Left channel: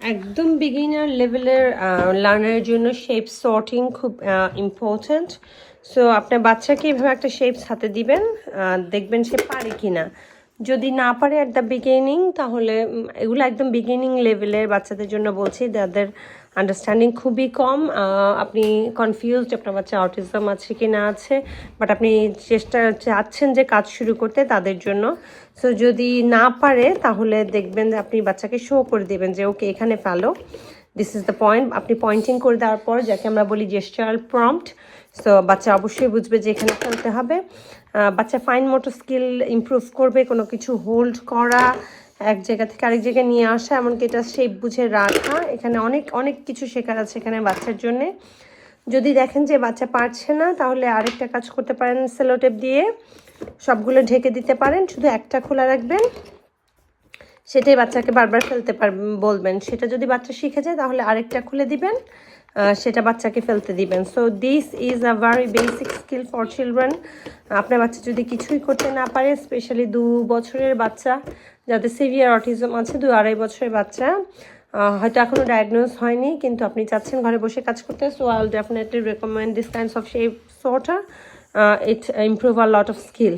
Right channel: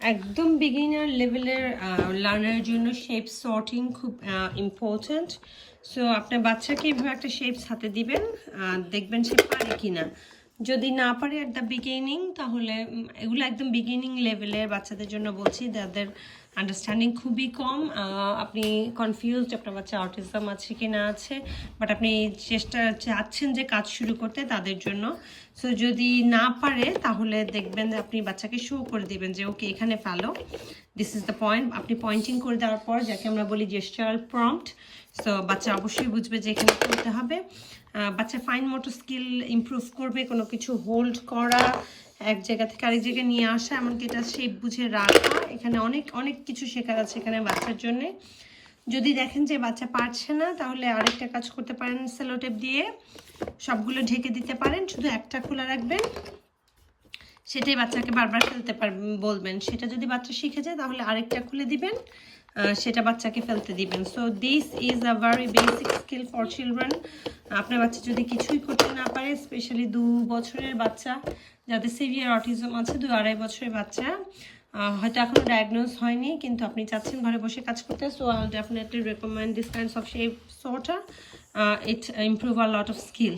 একদম বিগিনার লেভেলের লার্নারের জন্য শেপ সর্টিং খুব ইম্পর্ট্যান্ট। সো আপনার বাচ্চাকে এভাবে একটা শেপস হাতে দিবেন, দেখবেন সে পারে কিনা। যদি না পারে অ্যাট দ্য বিগিনিং, তাহলে এগুলো একদম বিগিনিং লেভেলের বাচ্চাদের জন্য বলছি, যাদের আন্ডারস্ট্যান্ডিং খুবই কম। আপনি কনফিউজড আপনার বাচ্চা অটিজম আছে কি না আছে, বাট আপনি চাচ্ছেন যে কাজ শুরু করতে, তাদের জন্য। সো যদি না পারে তাহলে দেখবেন যে আপনি বাচ্চাকে শো করে দেবেন যে ওকে এখানে ফেলো, দিস ইজ দ্য পয়েন্ট। আপনি পয়েন্টিং করে দেওয়ার পর, যাকে আমরা বলি জেস্টারাল প্রম্পট, সো বাচ্চা অবশ্যই বুঝবে যে এখানে ফেলতে হবে। বাচ্চা ফাইন মোটর স্কিল ইমপ্রুভ করবে, কোনো কিছু হোল্ড করা, এক জায়গা থেকে আরেক জায়গায় নিয়ে আসা, এমনকি এটা শেপ বুঝে রাখা, এখানে অনেক অনেক কিছু শেখার আছে এখানে বাচ্চার জন্যে। যদি দেখেন যে বাচ্চা পারছে না, তাহলে আরেকটা কাজ করতে পারেন, সেলোটেপ দিয়ে সবগুলো ঢেকে দিতে পারেন, শুধু একটা খোলা রাখবেন, সেটাই বাচ্চাকে বারবার ফেলতে বলবেন। সেটা যদি বাচ্চা শিখে যায় তাহলে আরেকটা খুলে দিবেন, সেটা বাচ্চাকে ফেলতে দিবেন। So this is a very basic skill for children. আপনার বাচ্চা যদি কিছুই করতে না পারে, স্পেশালি 2 বছরের বাচ্চা যাদের সিভিয়ার অটিজম আছে, 2-2.5 বছরের বাচ্চা, হয়তো এখনও ডায়াগনোজ হয়নি, কিন্তু আপনি চাচ্ছেন ঘরে বসে কাজ করতে, so I will definitely recommend this kinds of shape sorter. It improve a lot of skill.